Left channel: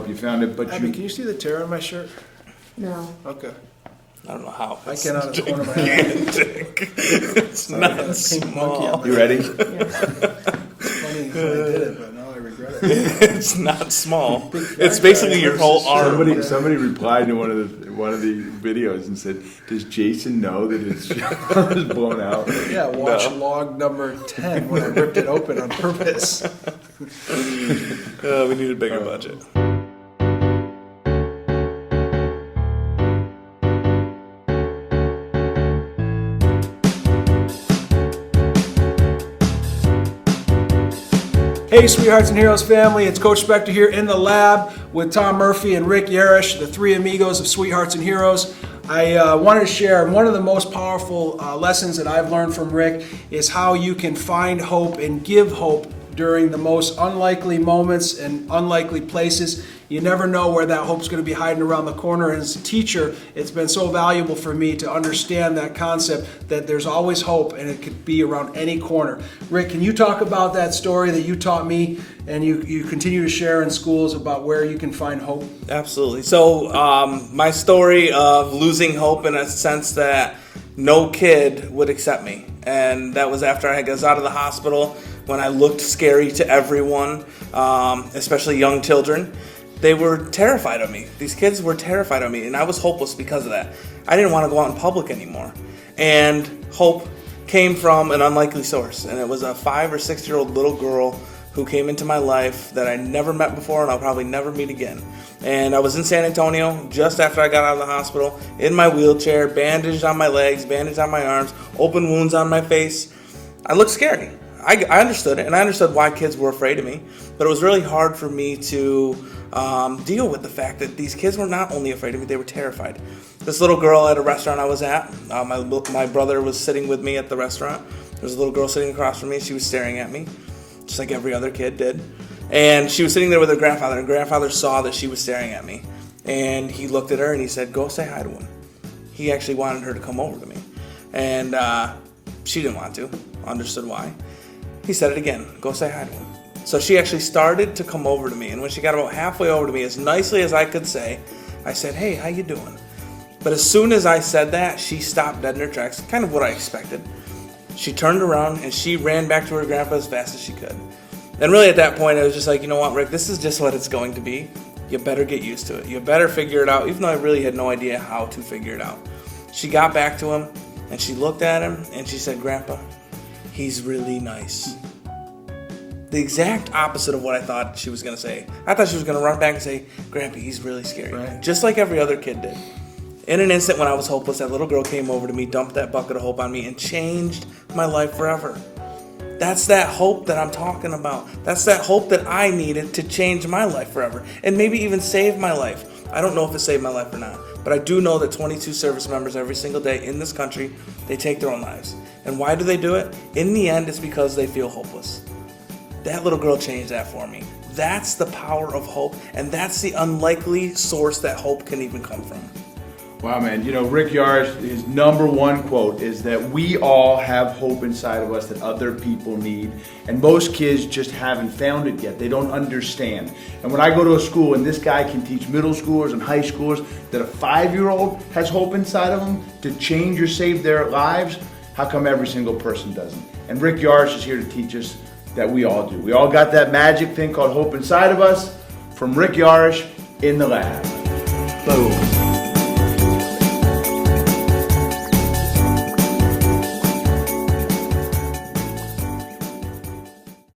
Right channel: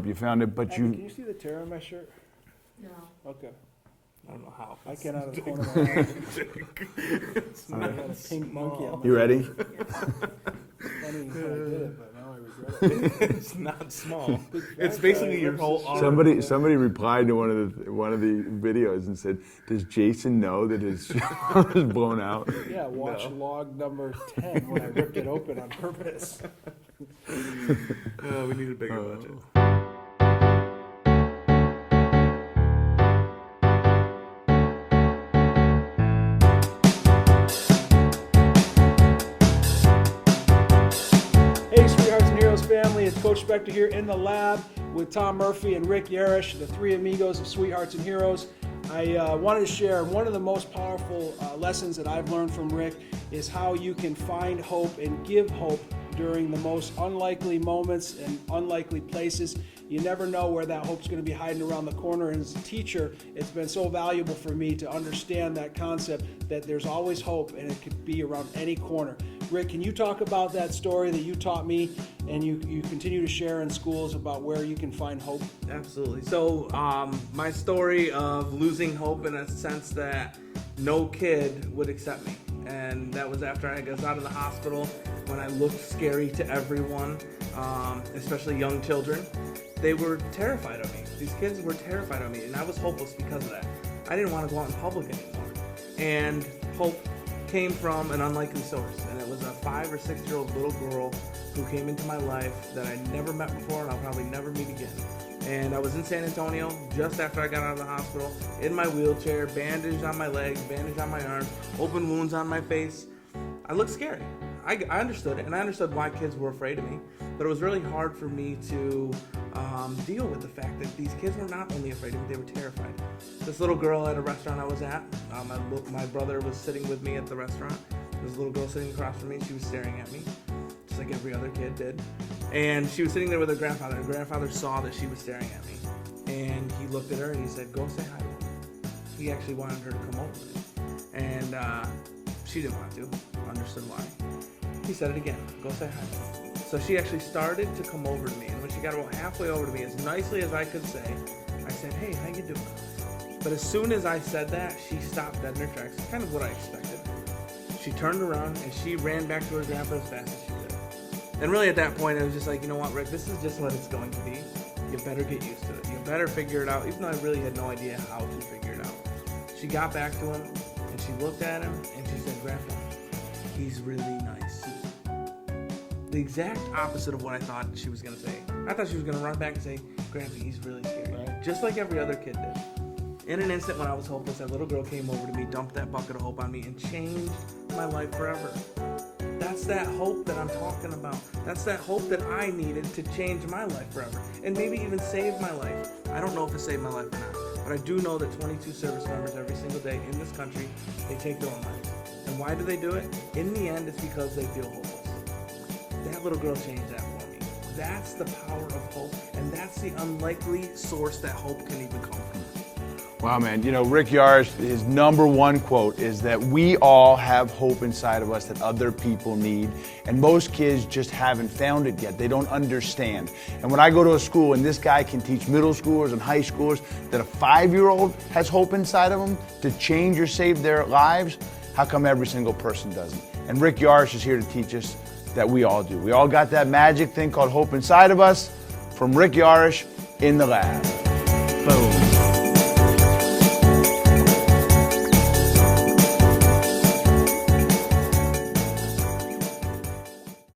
hope you found it. But Abby, can you see the tear on my shirt? No. Okay. I don't know how. I can out of the corner of my eye. It's not small. You ready? Yes. Funny I did it, but now I regret it. It's not small. It's basically your whole arm. Somebody replied to one of the videos and said, "Does Jason know that his arm is blown out?" Yeah, watch log number 10 when I ripped it open on purpose. We need a bigger budget. Hey, Sweethearts and Heroes family, it's Coach Spector here in the lab with Tom Murphy and Rick Yarosh, the Three Amigos of Sweethearts and Heroes. I wanted to share one of the most powerful lessons that I've learned from Rick is how you can find hope and give hope during the most unlikely moments and unlikely places. You never know where that hope's going to be hiding around the corner. And as a teacher, it's been so valuable for me to understand that concept that there's always hope and it could be around any corner. Rick, can you talk about that story that you taught me and you continue to share in schools about where you can find hope? Absolutely. So my story of losing hope in a sense that no kid would accept me. And that was after I was out of the hospital when I looked scary to everyone, especially young children. They were terrified of me. These kids were terrified of me, and I was hopeless because of that. I didn't want to go out in public anymore. And hope came from an unlikely source, and it was a 5 or 6 year old little girl who came into my life that I never met before and I'll probably never meet again. And I was in San Antonio just after I got out of the hospital, in my wheelchair, bandaged on my legs, bandaged on my arms, open wounds on my face. I looked scary. I understood it, and I understood why kids were afraid of me, but it was really hard for me to deal with the fact that these kids were not only afraid of me, they were terrified. This little girl at a restaurant I was at, my brother was sitting with me at the restaurant. There was a little girl sitting across from me. She was staring at me, just like every other kid did. And she was sitting there with her grandfather, and grandfather saw that she was staring at me. And he looked at her and he said, "Go say hi to him." He actually wanted her to come over to me. And she didn't want to, understood why. He said it again, "Go say hi to him." So she actually started to come over to me, and when she got about halfway over to me, as nicely as I could say, I said, "Hey, how you doing?" But as soon as I said that, she stopped dead in her tracks, kind of what I expected. She turned around and she ran back to her grandpa as fast as she could. And really at that point, I was just like, you know what, Rick, this is just what it's going to be. You better get used to it. You better figure it out, even though I really had no idea how to figure it out. She got back to him, and she looked at him, and she said, "Grandpa, he's really nice." The exact opposite of what I thought she was going to say. I thought she was going to run back and say, "Grandpa, he's really scary." Right. Just like every other kid did. In an instant when I was hopeless, that little girl came over to me, dumped that bucket of hope on me, and changed my life forever. That's that hope that I'm talking about. That's that hope that I needed to change my life forever. And maybe even save my life. I don't know if it saved my life or not. But I do know that 22 service members every single day in this country, they take their own lives. And why do they do it? In the end, it's because they feel hopeless. That little girl changed that for me. That's the power of hope, and that's the unlikely source that hope can even come from. Wow, man. You know, Rick Yarosh, his number one quote is that we all have hope inside of us that other people need. And most kids just haven't found it yet. They don't understand. And when I go to a school and this guy can teach middle schoolers and high schoolers that a 5-year-old has hope inside of them to change or save their lives, how come every single person doesn't? And Rick Yarosh is here to teach us that we all do. We all got that magic thing called hope inside of us. From Rick Yarosh in the lab.